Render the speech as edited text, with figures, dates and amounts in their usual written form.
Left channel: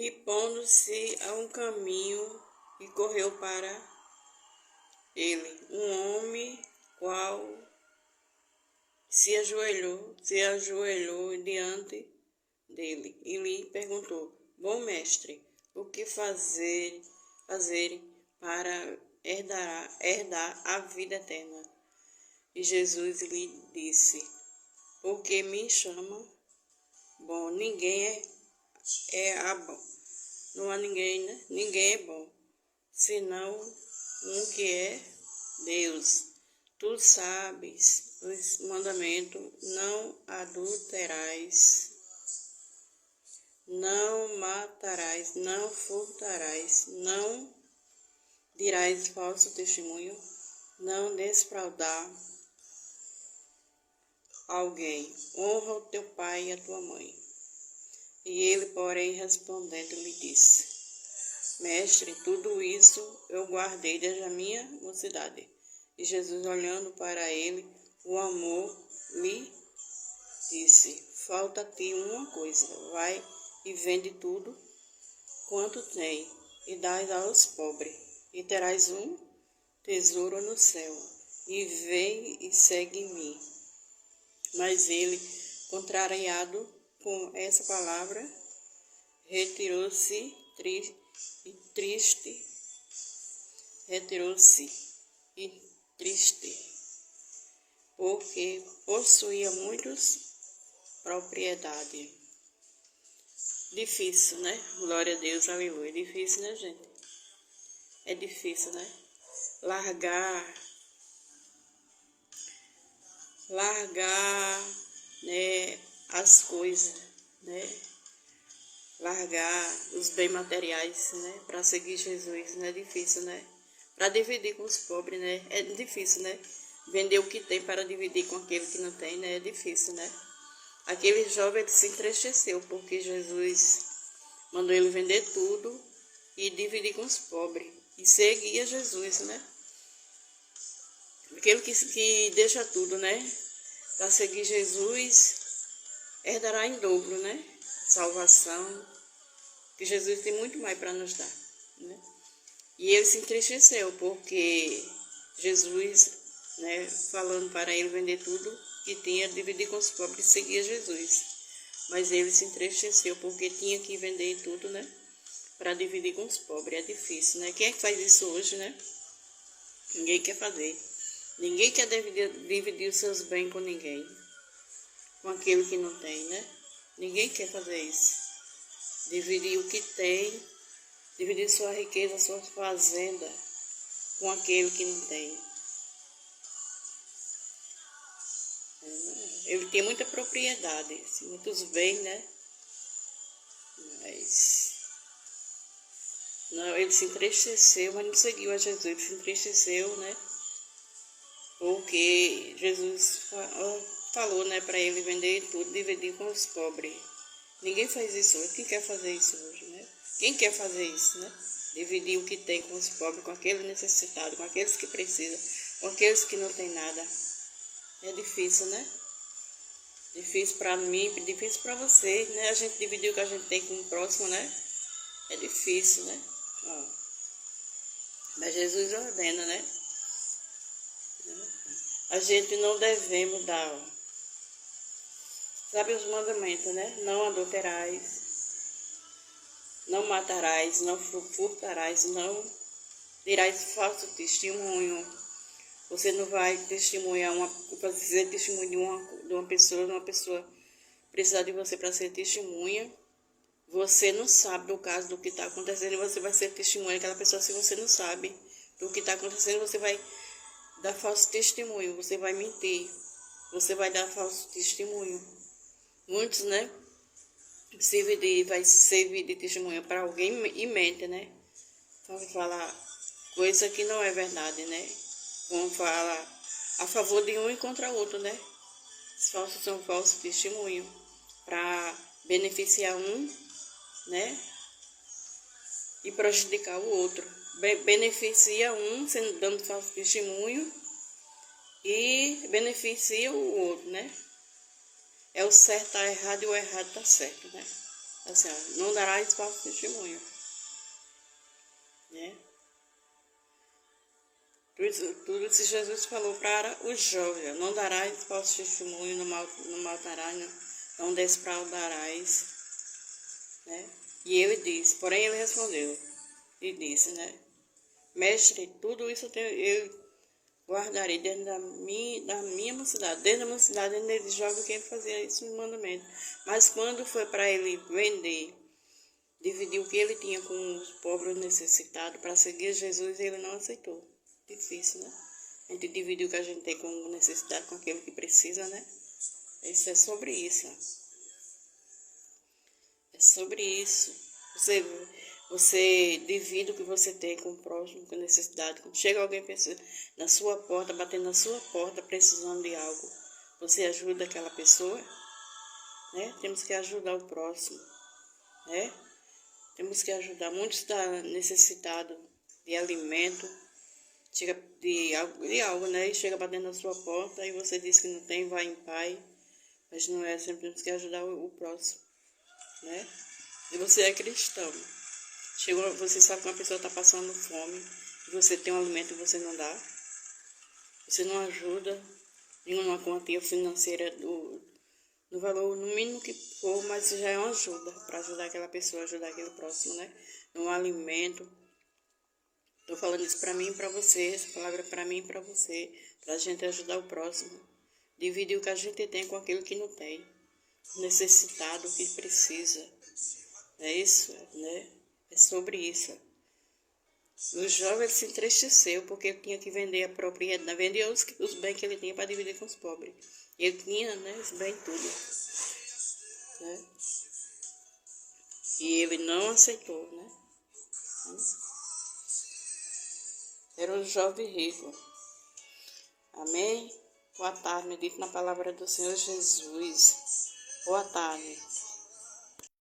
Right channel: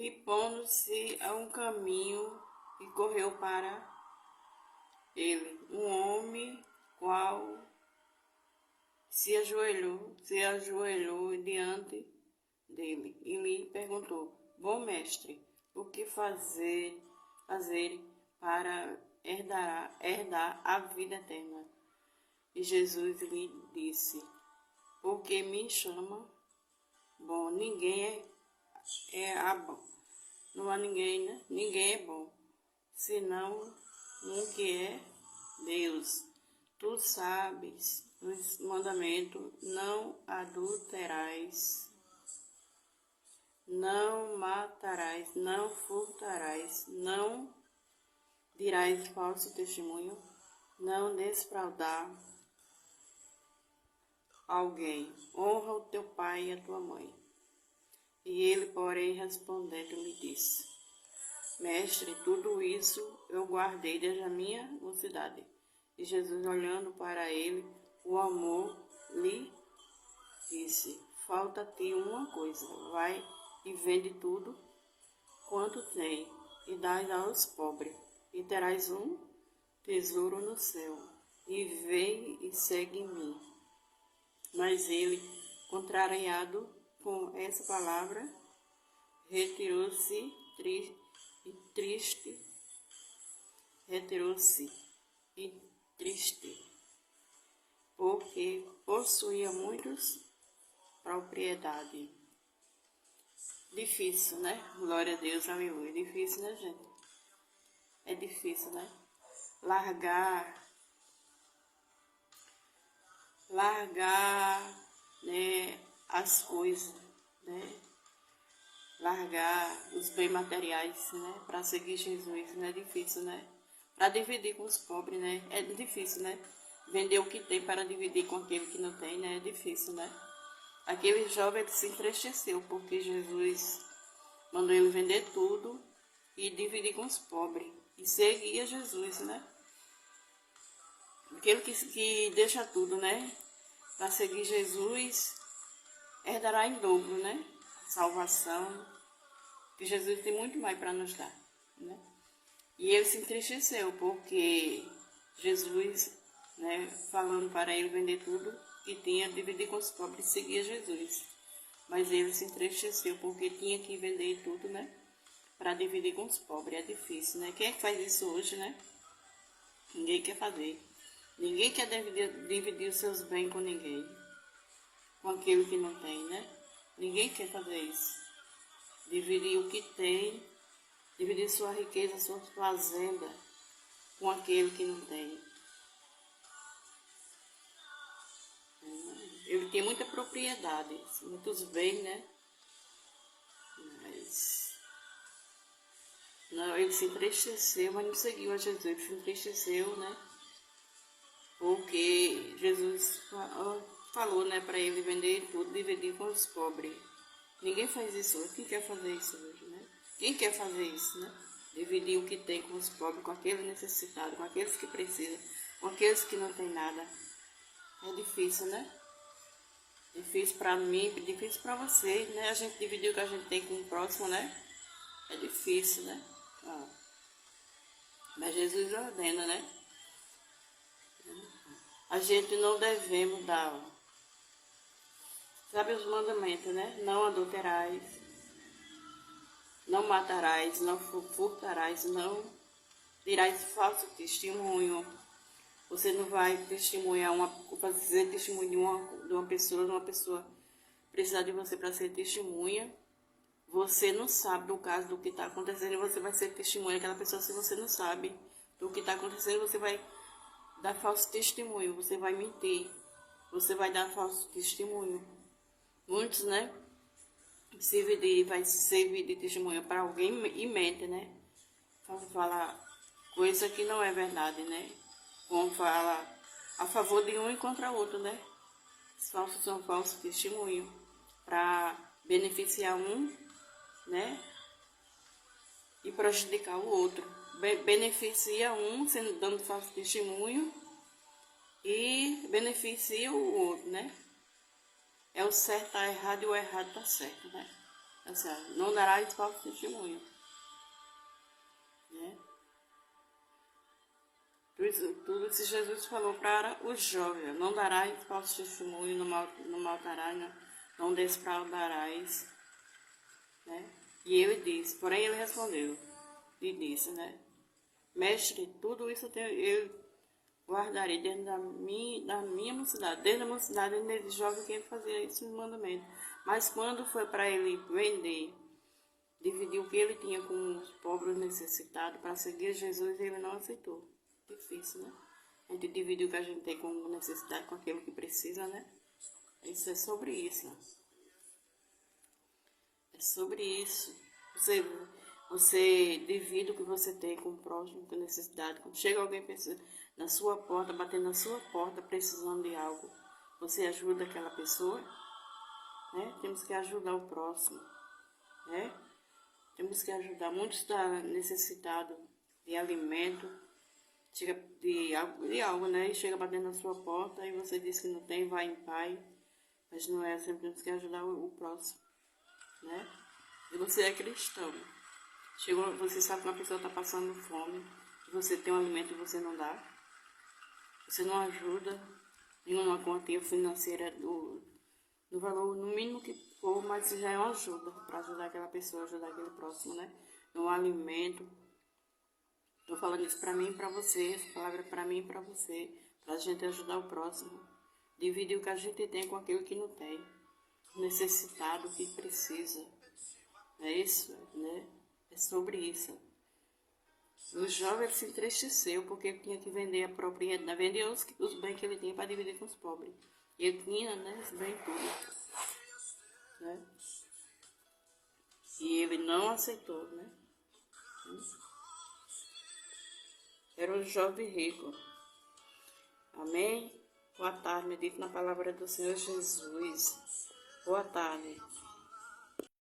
E pondo-se a um caminho, e correu para ele um homem, qual se ajoelhou diante dele, e lhe perguntou: Bom mestre, o que fazer para herdar a vida eterna? E Jesus lhe disse: Por que me chama bom? Ninguém bom. Não há ninguém, né? Ninguém é bom, senão um que é Deus. Tu sabes os mandamentos: não adulterarás, não matarás, não furtarás, não dirás falso testemunho, não defraudar alguém. Honra o teu pai e a tua mãe. E ele, porém, respondendo, lhe disse: Mestre, tudo isso eu guardei desde a minha mocidade. E Jesus, olhando para ele, o amor, lhe disse: Falta-te uma coisa. Vai e vende tudo quanto tem, e dai aos pobres, e terás um tesouro no céu. E vem e segue-me. Mas ele, contrariado com essa palavra, retirou-se triste, porque possuía muitas propriedades. Difícil, né? Glória a Deus, aleluia. Difícil, né, gente? É difícil, né? Largar, né, as coisas, né? Largar os bens materiais, né? Para seguir Jesus, né? É difícil, né? Para dividir com os pobres, né? É difícil, né? Vender o que tem para dividir com aquele que não tem, né? É difícil, né? Aquele jovem, ele se entristeceu porque Jesus mandou ele vender tudo e dividir com os pobres. E seguia Jesus, né? Aquele que deixa tudo, né? Para seguir Jesus, herdará em dobro, né? Salvação, que Jesus tem muito mais para nos dar, né? E ele se entristeceu porque Jesus, né, falando para ele vender tudo que tinha, dividir com os pobres, e seguia Jesus. Mas ele se entristeceu porque tinha que vender tudo, né, para dividir com os pobres. É difícil, né? Quem é que faz isso hoje, né? Ninguém quer fazer. Ninguém quer dividir os seus bens com ninguém, com aquele que não tem, né? Ninguém quer fazer isso. Dividir o que tem, dividir sua riqueza, sua fazenda com aquele que não tem. Ele tem muita propriedade, muitos bens, né? Mas não, ele se entristeceu, mas não seguiu a Jesus. Ele se entristeceu, né? Porque Jesus falou, né, para ele vender tudo, dividir com os pobres. Ninguém faz isso hoje. Quem quer fazer isso hoje, né? Quem quer fazer isso, né? Dividir o que tem com os pobres, com aqueles necessitados, com aqueles que precisam, com aqueles que não têm nada. É difícil, né? Difícil para mim, difícil para vocês, né? A gente dividir o que a gente tem com o próximo, né? É difícil, né? Ó. Mas Jesus ordena, né? A gente não devemos dar, ó. Sabe os mandamentos, né? Não adulterarás, não matarás, não furtarás, não dirás falso testemunho. Você não vai testemunhar fazer testemunho de uma pessoa precisar de você para ser testemunha. Você não sabe do caso do que está acontecendo e você vai ser testemunha daquela pessoa. Se você não sabe do que está acontecendo, você vai dar falso testemunho, você vai mentir, você vai dar falso testemunho. Muitos, né, vai servir de testemunha para alguém e mente, né? Então, falar coisa que não é verdade, né? Vão falar a favor de um e contra o outro, né? Os falsos são falsos testemunho para beneficiar um, né? E prejudicar o outro. Beneficia um dando falso testemunho e beneficia o outro, né? É o certo tá errado e o errado tá certo, né? Assim, ó, não darás falso testemunho, né? Tudo isso Jesus falou para os jovens: não darás falso testemunho, não matarás, não desfraudarás, né? E ele disse, porém ele respondeu e disse, né? Mestre, tudo isso eu guardarei dentro da minha mocidade. Desde a mocidade ele jovem que ele fazia esse mandamento. Mas quando foi para ele vender, dividir o que ele tinha com os pobres necessitados para seguir Jesus, ele não aceitou. Difícil, né? A gente divide o que a gente tem com necessidade com aquele que precisa, né? Isso é sobre isso. É sobre isso. Você divide o que você tem com o próximo, com necessidade. Quando chega alguém na sua porta, batendo na sua porta, precisando de algo, você ajuda aquela pessoa, né? Temos que ajudar o próximo, né? Temos que ajudar. Muitos estão necessitados de alimento, chega de algo, né? E chega batendo na sua porta e você diz que não tem, vai em paz. Mas não é, sempre temos que ajudar o próximo, né? E você é cristão. Você sabe que uma pessoa está passando fome e você tem um alimento e você não dá. Você não ajuda em uma quantia financeira do valor no mínimo que for, mas já é uma ajuda para ajudar aquela pessoa, ajudar aquele próximo, né? No alimento. Estou falando isso para mim e para você, essa palavra é para mim e para você, para a gente ajudar o próximo. Dividir o que a gente tem com aquele que não tem, necessitado, que precisa. É isso, né? É sobre isso. O jovem se entristeceu porque ele tinha que vender a propriedade, vender os bens que ele tinha para dividir com os pobres. Ele tinha, né, os bens tudo, né? E ele não aceitou, né? Era um jovem rico. Amém? Boa tarde, medito na palavra do Senhor Jesus. Boa tarde.